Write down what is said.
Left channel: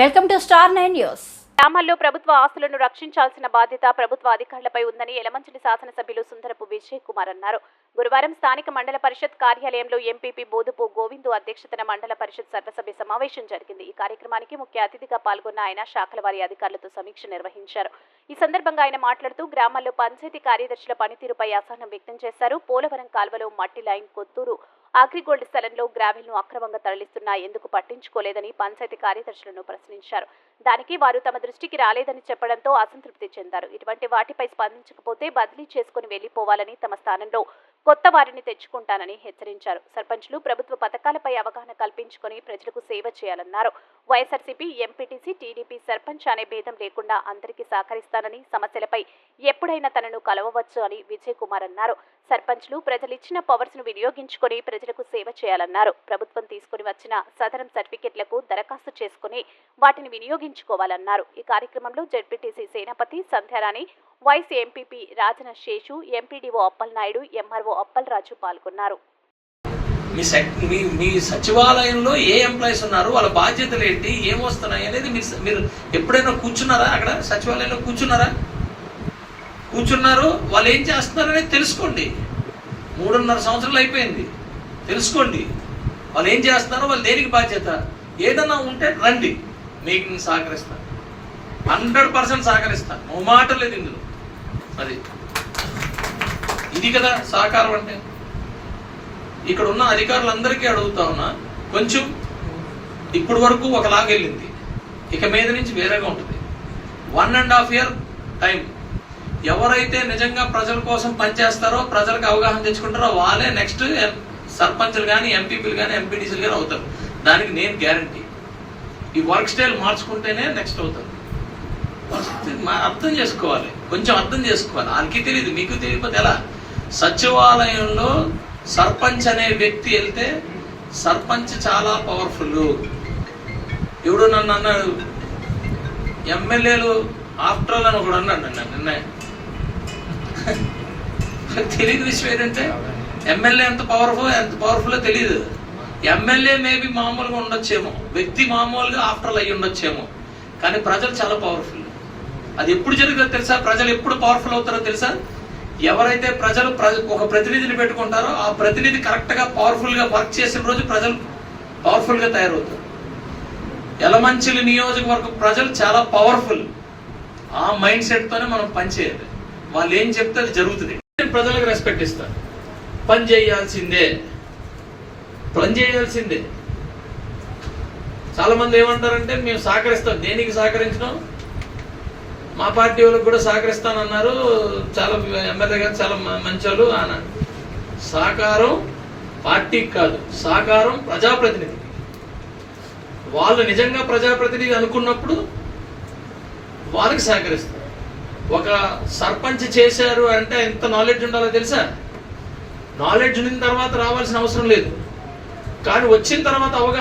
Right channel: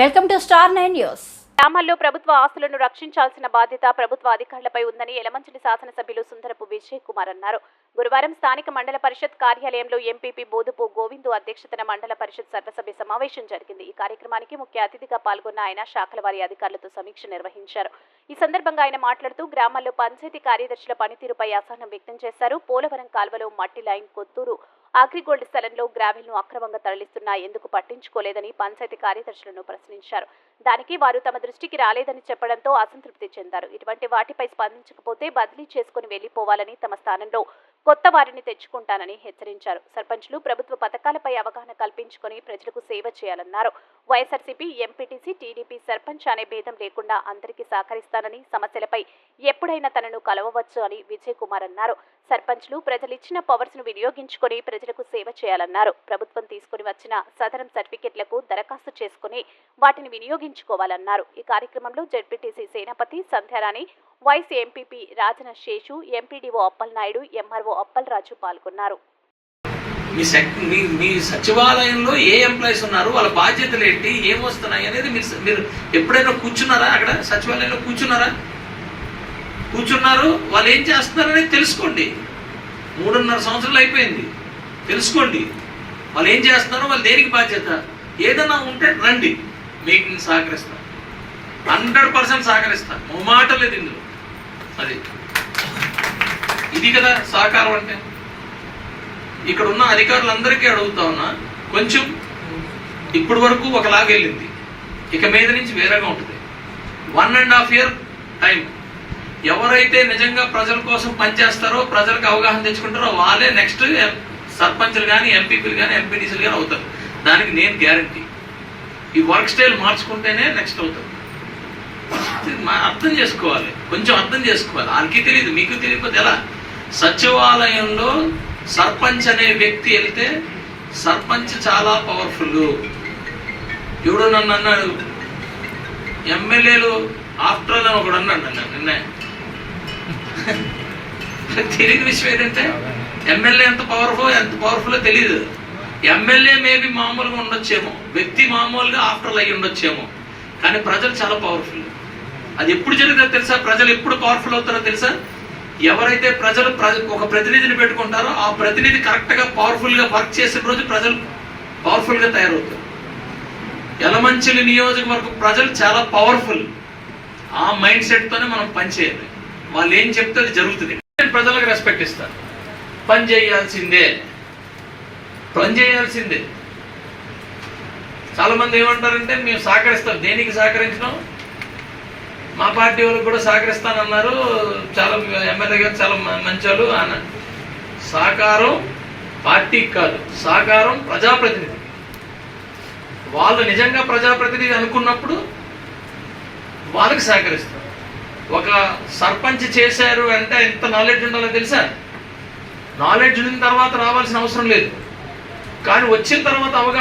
Welcome to star 9 news. గ్రామాల్లో ప్రభుత్వ ఆస్తులను రక్షించాల్సిన బాధ్యత ప్రభుత్వ అధికారులపై ఉందని యలమంచిలి శాసనసభ్యులు సుందరపు విజయ్ కుమార్ అన్నారు. గురువారం స్థానిక మండల పరిషత్ కార్యాలయంలో ఎంపీపీ బోదుపు గోవిందు అధ్యక్షతన మండల పరిషత్ సర్వసభ్య సమావేశం జరిగింది. ఈ కార్యక్రమానికి ముఖ్య అతిథిగా పాల్గొన్న ఆయన శాఖల వారి అధికారులతో సమీక్ష నిర్వహించారు. ఈ సందర్భంగా ఆయన మాట్లాడుతూ గ్రామాల్లో పంచాయతీ కార్యదర్శుల పనితీరుపై అసహనం వ్యక్తం చేశారు. పోలవరం కాల్వలో మట్టి లైన్ కొత్తూరు అగ్రిగోల్డ్ స్థలంలో గ్రావెల్ను అక్రమంగా తరలిస్తున్నా ఎందుకు పట్టించుకోలేదని పంచాయతీ కార్యదర్శులను ప్రశ్నించారు. దానికి వారు తమ దృష్టికి రాలేదని చెప్పడంతో అసంతృప్తి చెందారు. ఇటువంటి వాటిపై స్పందించకపోతే బదిలీ చేసుకుని వెళ్లిపోవాలని, తమ స్థానంలో కొత్త వారిని తెచ్చుకుంటానని హెచ్చరించారు. సర్పంచ్లు ప్రభుత్వ పథకాలపై అవగాహన కల్పించుకుని ప్రజలకు సేవ చేయాలన్నారు. వైఎస్ఆర్సీపీ, ఎంపీటీసీ, టీడీపీ, సర్పంచ్ అనే భేదం లేకుండా అందరికీ సహకరిస్తానని, సమస్యలపై ఎప్పుడైనా తనను కలవవచ్చు అని విజయ్ కుమార్ అన్నారు. సర్పంచ్లు ప్రజలిచ్చిన పవర్స్ ను వినియోగించుకుని ప్రజలకు సేవ చేయాలన్నారు. ప్రభుత్వం తీసుకుని వచ్చిన సదరం సర్టిఫికెట్లకు దరఖాస్తు చేసుకుని వాటిని వినియోగించుకోవాలన్నారు. ఈ కార్యక్రమంలో జెడ్పీటీసీ సేనాపతి Sandhyarani, vice MPP Rajana Seshu, MPDO Appalanaidu, MRO Appalaraju పాల్గొన్నారు. మీ సచివాలయంలో ఏ ఎంప్లాయీస్ ఉన్నారు, వాళ్ళ బాధ్యతలు ఏంటి, ఏమొస్తున్నాయి అనేది మీరు ఎప్పుడైనా కూర్చున్నారా? అక్కడ సచివాలయంలో కూర్చున్నారు, వాళ్ళు ఏం చేస్తున్నారు అనేది తెలుసుకోండి. 3.5 సంవత్సరాలు అయిపోయింది, తెలుసుకోండి వాళ్ళు ఏం చేస్తున్నారో, వాళ్ళు దేనికి బాధ్యత. ఏదైనా ఉంటే రండి, మీకు నేను సహకరిస్తాను, 100% సహకరిస్తాను, ఓ మాట లేదు ఇందులో. అది ఇది కదా సహకారం అంటే. ఇక్కడ ఉన్న అధికారులందరికీ అడుగుతా ఉన్నా, కొంచెం ఇప్పటి వరకు ఒకలాగా వెళ్ళింది, ఇక మీద నుంచి వేరేగా ఉంటుంది. 1.5 year టైం. ఎవరైతే నిజంగా ప్రజల కోసం పనిచేస్తారో, ప్రజలకు అవగాహన తెచ్చుకుంటారో వాళ్ళే నెక్స్ట్ సర్పంచ్లు కానీ, ఎంపీపీలు కానీ, ఎంపీడీసీలు కానీ అవుతారు. దానికి నేను గ్యారంటీ. ఈ వర్క్ స్టైల్ మార్చుకుంటేనే నెక్స్ట్ అవుతారు. అర్థం చేసుకోవాలి, కొంచెం అర్థం చేసుకోవాలి. వాళ్ళకి తెలియదు, మీకు తెలియకపోతే ఎలా? సచివాలయంలో సర్పంచ్ అనే వ్యక్తి వెళ్తే సర్పంచ్ చాలా పవర్ఫుల్. ఎవడు నన్ను అన్నాడు, ఎమ్మెల్యేలు ఆఫ్టర్ అని ఒకడు అన్నాడు నన్ను నిన్న. తెలియని విషయం ఏంటంటే ఎమ్మెల్యే ఎంత పవర్ఫుల్ తెలియదు. ఎమ్మెల్యే మేబీ మామూలుగా ఉండొచ్చేమో, వ్యక్తి మామూలుగా ఆఫ్టర్ అయ్యి ఉండొచ్చేమో, కానీ ప్రజలు చాలా పవర్ఫుల్. అది ఎప్పుడు జరుగుతుందో తెలుసా? ప్రజలు ఎప్పుడు పవర్ఫుల్ అవుతారో తెలుసా? ఎవరైతే ప్రజలు ఒక ప్రతినిధిని పెట్టుకుంటారో ఆ ప్రతినిధి కరెక్ట్ గా పవర్ఫుల్ గా వర్క్ చేసిన రోజు ప్రజలు పవర్ఫుల్ గా తయారవుతారు. యలమంచిలి నియోజకవర్గం ప్రజలు చాలా పవర్ఫుల్. ఆ మైండ్ సెట్ తోనే మనం పనిచేయాలి. వాళ్ళు ఏం చెప్తే అది జరుగుతుంది. ప్రజలకు రెస్పెక్ట్ ఇస్తారు. పని చేయాల్సిందే. చాలా మంది ఏమంటారంటే మేము సహకరిస్తాం. దేనికి సహకరించడం? మా పార్టీ వాళ్ళకి కూడా సహకరిస్తానన్నారు, చాలా ఎమ్మెల్యే గారు చాలా మంచి వాళ్ళు అన్నారు. సహకారం పార్టీకి కాదు, సహకారం ప్రజాప్రతినిధికి. వాళ్ళు నిజంగా ప్రజాప్రతినిధి అనుకున్నప్పుడు వాళ్ళకి సహకరిస్తారు. ఒక సర్పంచ్ చేశారు అంటే ఎంత నాలెడ్జ్ ఉండాలో తెలుసా? నాలెడ్జ్ ఉన్న తర్వాత రావాల్సిన అవసరం లేదు, కానీ వచ్చిన తర్వాత అవగాహన